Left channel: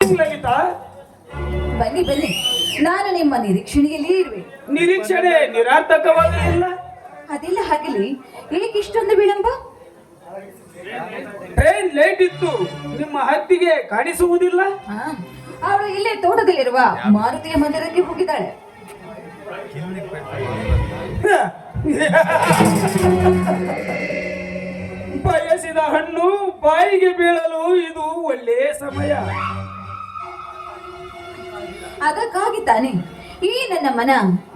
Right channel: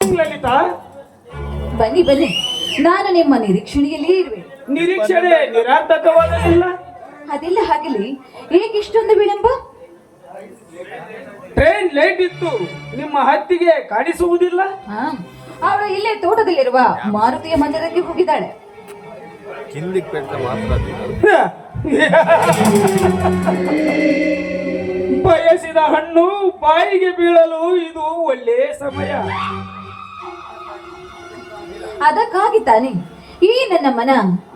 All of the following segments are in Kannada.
ಲಲಿತಾ, ಬನ್ನಿ ಬನ್ನಿ, ನಾನು ನಿಮ್ಮ ನಿರೀಕ್ಷಣೆಯಲ್ಲಿ ಇರುವೆ. ನಿರೀಕ್ಷಣೆ ನಿರಾರ್ಥಕವಾಗಲಿಲ್ಲ. ಅದೆಲ್ಲ ಹಾಗಲಿ, ಏಕೆ ಇಷ್ಟೊಂದು ವಿಳಂಬ? ಟ್ರೈನ್ ಲೇಟ್ ಇತ್ತು, ನಿಮ್ಮ ಹತ್ತಿಗೆ ಕಾಣಿಸುವುದಿಲ್ಲ. ಅವಳು ಇಲ್ಲೇ ತೋಟದಲ್ಲಿರುವ ಮಾರುತಿಯ ಮಂದಿರಕ್ಕೆ ಹೋಗಿದ್ದಾಳೆ. ಬಯಸಿದ ಹಣ್ಣು ಬಾಯಿಗೆ ಬೀಳಲು ಇದು ಒಳ್ಳೆಯ ಸಮಯ. ಅದಕ್ಕಾಗಿ ತಾನೆ ಈ ನನ್ನ ಮನ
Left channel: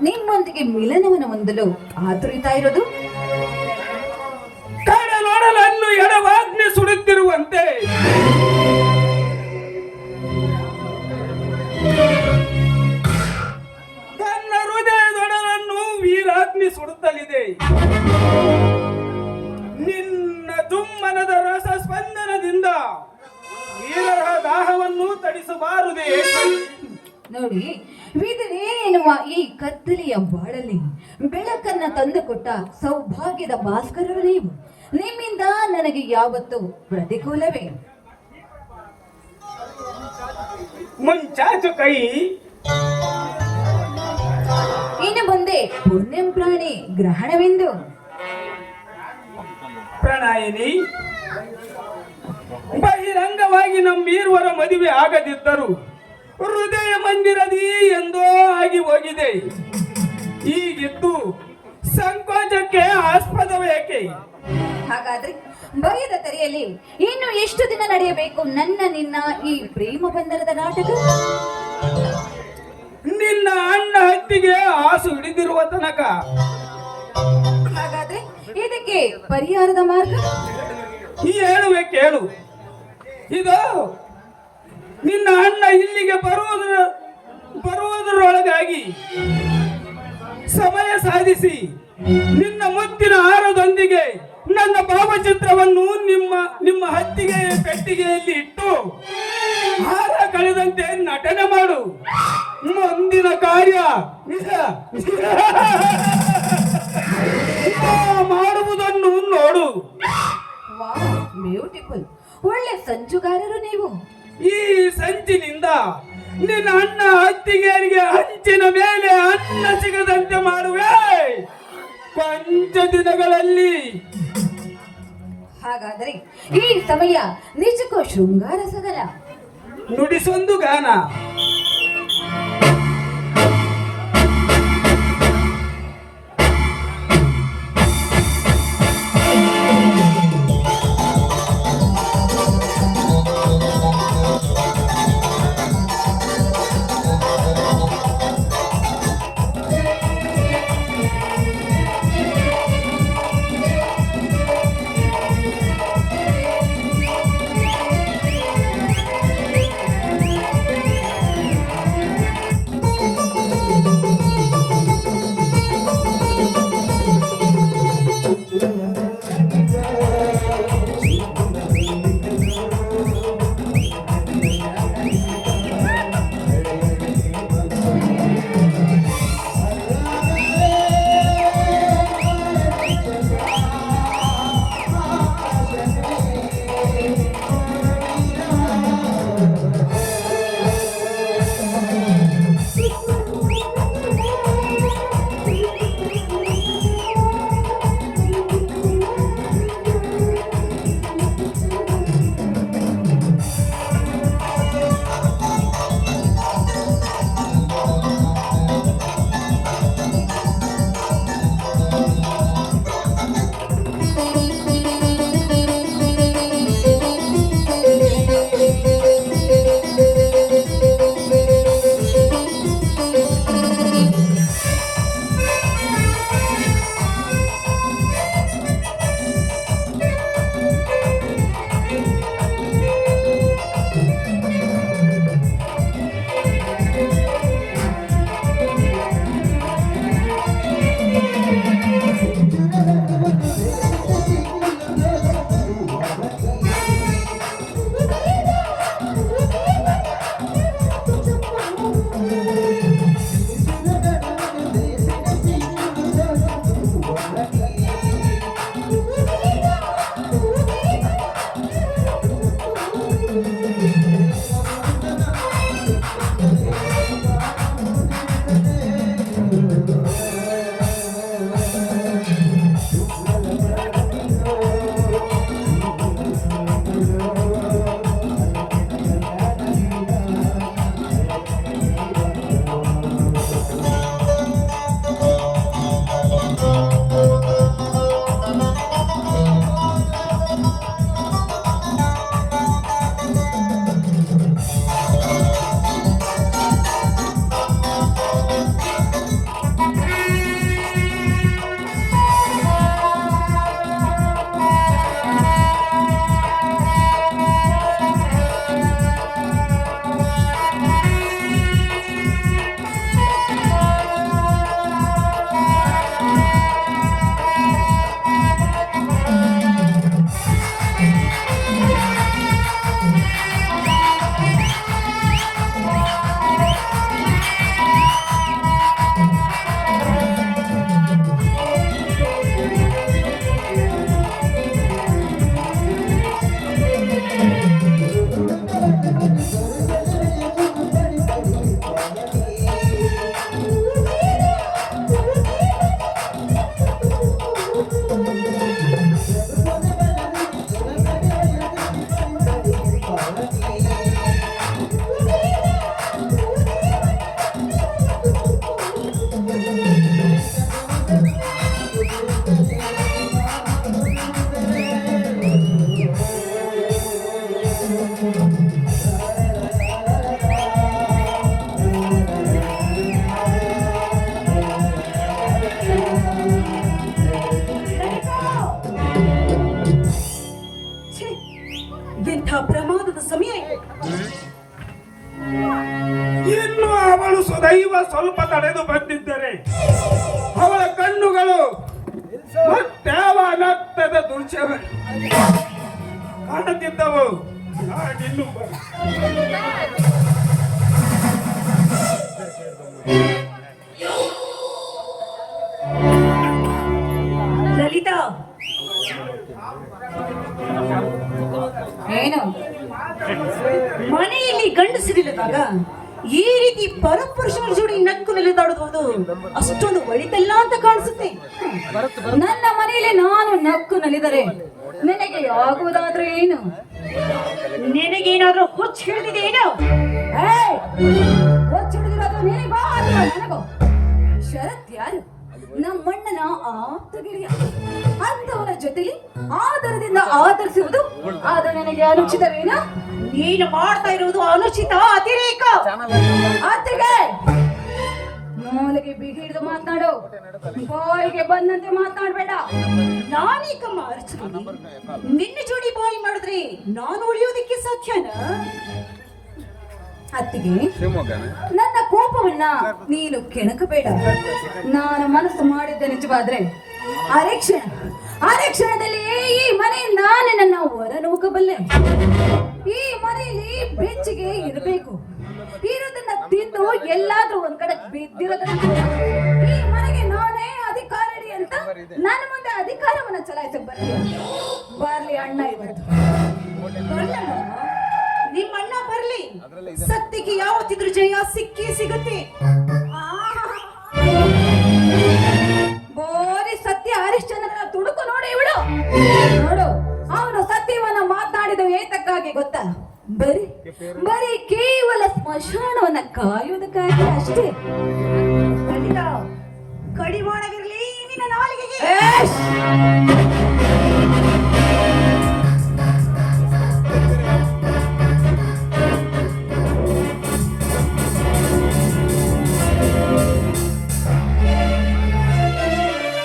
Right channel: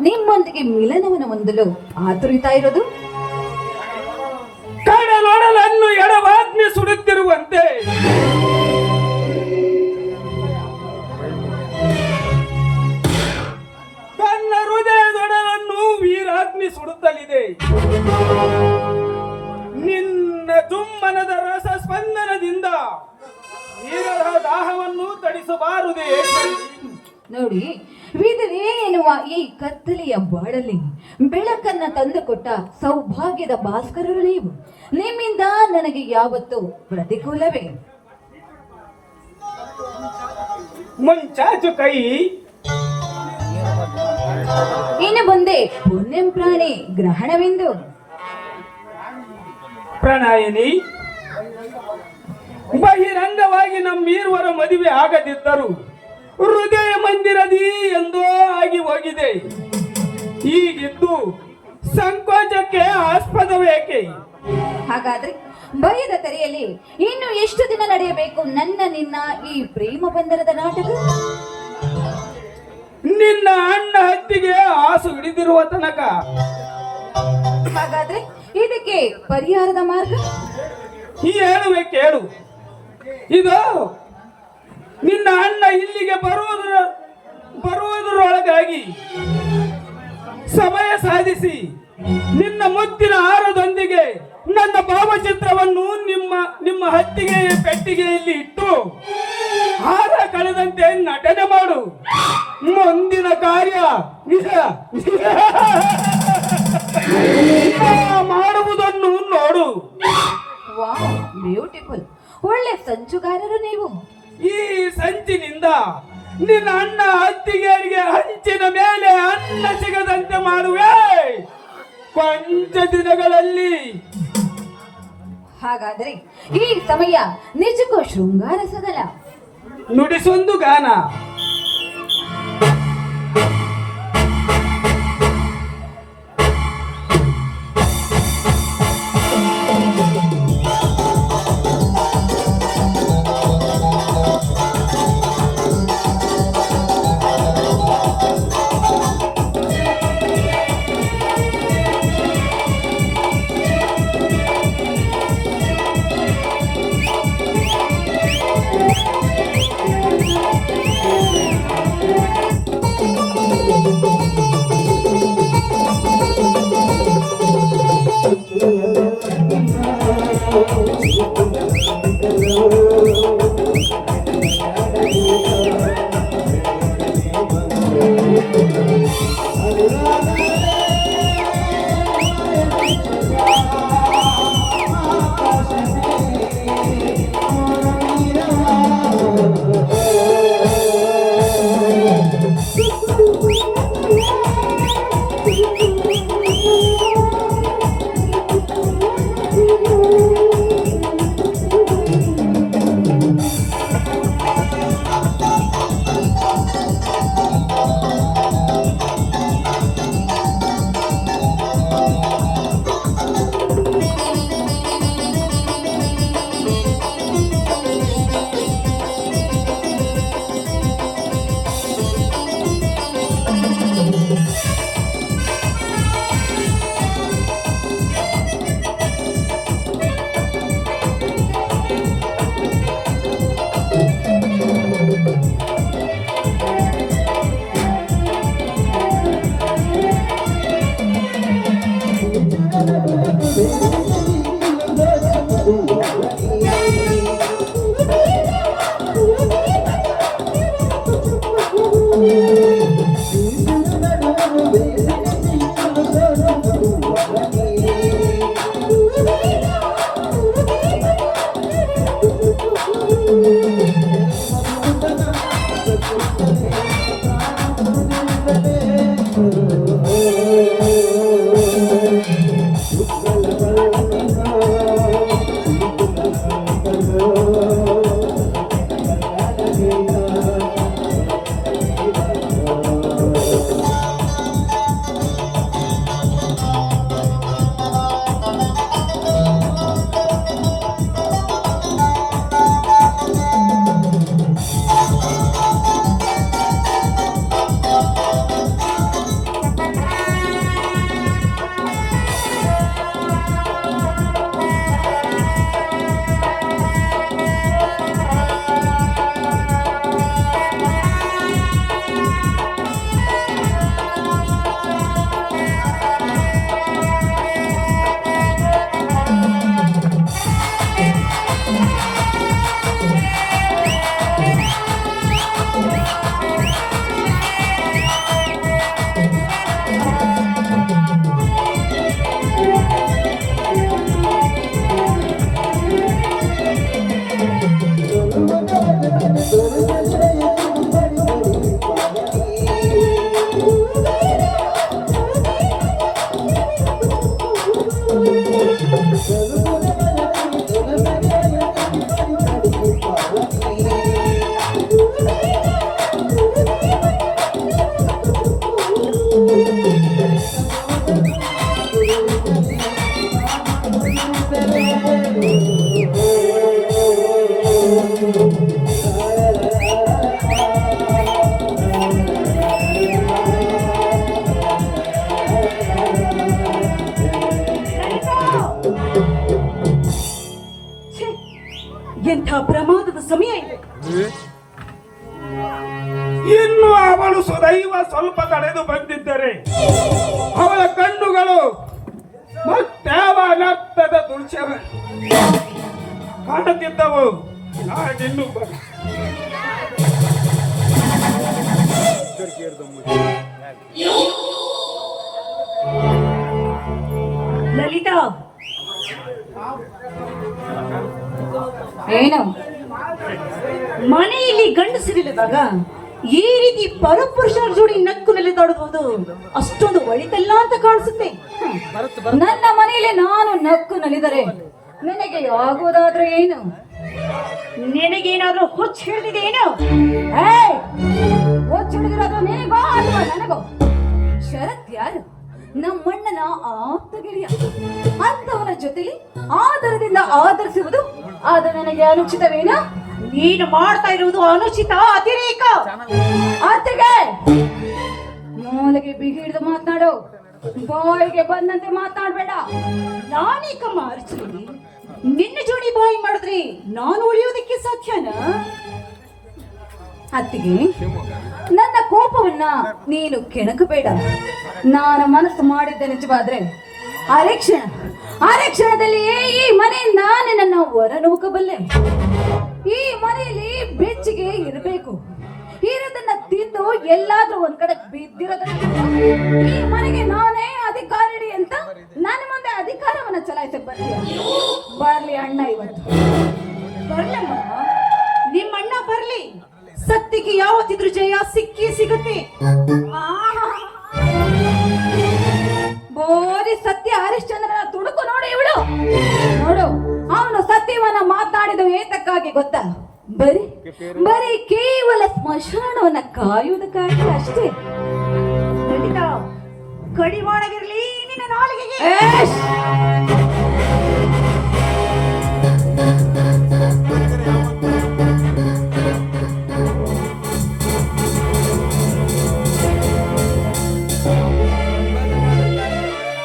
ನಿಮ್ಮೊಂದಿಗೆ ಮಿಲನವನ್ನು ಹೊಂದಲು ಆತುರಿತಾ ಇರೋದು. ಕಡಲೊಡಲನ್ನು ಎಡವಾಗ್ನಿ ಸುಡುತ್ತಿರುವಂತೆ ತನ್ನ ಹೃದಯದೊಡಲನ್ನು ವೀರಾಗ್ನಿ ಸುಡುತ್ತಲಿದೆ. ನಿನ್ನ ಜುಮ್ಮನದ ರಸ ಸ್ಪಂದನದಿಂದ ವೀರರ ದಾಹವನ್ನು ತಡಿಸಬಾರದೆ. ನೋಡಿ, ವಿಧವೆ ಎನ್ನುವ ಈ ಕತ್ತಲೆಯ ಬಾಳಲ್ಲಿ ಬೆಳಕನ್ನ ತಂದುಕೊಟ್ಟ ಸೌಭಾಗ್ಯದ ಭಾಸ್ಕರರು ನೀವು. ನಿಮ್ಮಿಂದ ನನಗೆ ಯಾವತ್ತೂ ಪ್ರತಿಕೂಲವೇ. ಮುಂಚಾಚು ಕೈ, ಇನ್ನು ಮುಂದೆ ಪುಣ್ಯಂ ಪ್ರಾಣಿ ಗ್ರಹಣವೆಂದು. ಪ್ರಣಾಯಿನಿ, ಬಹಿರಂಗವಾಗಿ ನಮ್ಮೀರುವರ ಮದುವೆ ಆಗದಿದ್ದರು ಹೃದಯ ಮಂದಿರದಿ ಎಂದೋ ಆಗಿ ಹೋಗಿದೆ. ಹೀಗಿದ್ದು ಸಂಕೋಚಕ್ಕೆ ಆಸ್ಪದವೇಕೆ? ಹಾಗಾದ್ರೆ ಭಯದ ತೆರೆಯಲ್ಲಿ ಇನ್ನು ಎಷ್ಟು ದಿನ ನಡೆಯಬೇಕು ನನ್ನ ನಿನ್ನ ಈ ಪ್ರೇಮ ಬಂಧನದ ನಾಟಕ? ನಿನ್ನ ಅಣ್ಣ ಹತ್ತಿಗೆ ಆಸು ಹಿಡಿದಿರುವ ತನಕ. ಹಾಗಾದ್ರೆ ಇದಕ್ಕೆ ಪರಿಹಾರದ ಮಾರ್ಗ ಹೇಳುವೆ ಕೇಳು. ಇದು ನಿನ್ನ ಅಣ್ಣ ಇಲ್ಲಿಗೆ ಬರುವುದರೊಳಗಾಗಿ ಸಮಯ ಸಾಧಿಸಿ ನಿನ್ನ ಮುತ್ತಿನ ಹಾರದೊಂದಿಗೆ ನನ್ನ ಭಾವಚಿತ್ರವನ್ನು ನಿಮ್ಮ ಹತ್ತಿಗೆ ಪೆಟ್ಟಿಗೆಯಲ್ಲಿ ಇಟ್ಟು ಹಾರ ಕಳೆದಂತೆ ನಟನೆ ಮಾಡು. ಮುಂದಿನ ಕಾರ್ಯ ಮಾಡುವುದನ್ನು ನೋಡು. ವಾಹ್, ಬ್ಯೂಟಿಫುಲ್. ಒಳ್ಳೆ ಸಂಚುಗಾರರು ನೀವು. ಈ ಸಂಚಿನಿಂದ ನಿನ್ನ ಅಣ್ಣ ಹತ್ತಿಗೆಯರಿಗೆ ಹಂಚಿನ ಮೇಲೆ ಅನ್ನ ಸಿಗದಂತೆ ಮಾಡುವೆ ಕೊಂಚ ದಿನಗಳಲ್ಲಿ. ಹಾಗಾದ್ರೆ ಈ ಸಮಯ ನಿಜಕ್ಕೂ ಶೃಂಗಾರ ಸಗಲ. ನುಡಿಸೊಂದು ಗಾನ. ದೈವ ಸ್ವಲ್ಪ ತಡೆದು ಬಂದಿದ್ದರೆ ಅವಳ ಕಣ್ಣುಗಳು ಮತ್ಯಾವ ನರ್ತದ ದೃಶ್ಯ ಕಾಣುತ್ತಿದ್ದವು. ನಾನಿನ್ನು ಲಲಿತಾ, ಏನು ಮನೆಯಲ್ಲಿ ಗಂಡಸಿರಿಲ್ಲದಾಗ ಈ ರೀತಿ ಪರಪುರುಷರ ಜೋಡಿ ನಕ್ಕು ನೆಲೆದಾಡುವುದು ಅಷ್ಟೊಂದು ಒಳಿತಲ್ಲ ಅಂತ ಕಾಣಿಸುತ್ತೆ. ನನ್ನ ಮನೆಯಲ್ಲಿ ನಾನು ನಕ್ಕು ನಲಿದರೆ ನನಗೆ ಆಗುವುದಾದ್ರೆ ಏನು? ನಿನಗೇನಾದ್ರೂ ಹುಚ್ಚು ಹಿಡಿದಿದೆ ಏನು? ಹುಚ್ಚು ಹಿಡಿದಿರೋದು ನಿನಗೋ ಅಥವಾ ನನಗೋ? ಶರತ್ ಯಾರು? ನಮ್ಮಣ್ಣನ ಆಪ್ತ ಗೆಳೆಯ. ಅಂತವನ ಜೊತೆಲಿ ಆದರದಿಂದ ಆದರಿಸುವುದು ಅದು ನನಗೆ ಅನುಚಿತವೇನಾ? ನೀನು ಮಾಡ್ತಾ ಇರುವುದು ಅನುಚಿತ, ಅತಿರೇಕ. ಅತ್ತಿಗೆ ಮೂಲೆಗೆ ಬಿಗಿ ಹಿಡಿದು ಮಾತನಾಡು, ಬಾಯಿಗೆ ಬಂದಂತೆ ಮಾತನಾಡ್ಬೇಡ. ನಾನೀಕಮ್ಮ ಅರ್ಚನೆ, ನಿನ್ನ ಜೋಡಿ ಬಾಯಿ ಮಾಡಿದ್ರೆ ನಾನು ಉಳಿಯೋದಕ್ಕೆ ಸಾಧ್ಯನಾ? ಅತ್ತಿಗೆ, ನನ್ನ ಕೋಪವನ್ನ ನೀನು ಕೆಣಕಬೇಡ. ನಾನು ಮನಸ್ಸು ಮಾಡಿದ್ದ ನಿಜವಾದ್ರೆ ಅರೆ ಕ್ಷಣದಲ್ಲಿಯೇ ಈ ಮನೆಯಿಂದ ನಿನ್ನನ್ನು ಹೊರನೂಕಬಲ್ಲೆ. ಈ ಮನೆಯಲ್ಲಿ ಬೆಚ್ಚಿಗೆ ಇರಬೇಕು. ಇರೋದನ್ನ ತಿಂದು ಎಲ್ಲಾದ್ರೂ ಒಂದ್ ಕಡೆ ಬಿದ್ದಿರೋದನ್ನ ಈ ಮನೆಗೆ ನಾನೇ ಅಧಿಕಾರಿ ಅಂತ ನನ್ನ ಮುಂದೆ ಅಧಿಕಾರವನ್ನ ಚಲಾಯಿಸಕ್ ಬರ್ಲಿ ಅಣ್ಣ. ಇವತ್ತು ಬರಲಮ್ಮ, ನಿಮ್ಮಣ್ಣ ಬರ್ಲಿ, ಸತ್ಯಕ್ಕೆ ಯಾವತ್ತಿದ್ರು ಜಯ ಸಿಕ್ಕಿ ಸಿಗುತ್ತೆ. ಬೋರಿ ಸತ್ಯ ಹರಿಶ್ಚಂದ್ರನ ತುಡುಕು ನೋಡಿ ಇವಳು. ನೋಡು, ಅವನು ಸತ್ಯವನ್ನ ಮಾತನಾಡಿದ ಏತಕ್ಕಾಗಿ ಗೊತ್ತಾ? ಬರೀ ಕೇವಲ ಸ್ಮಶಾನವನ್ನ ಕಾಯುವುದಕ್ಕಾಗಿ ಅಷ್ಟೇ.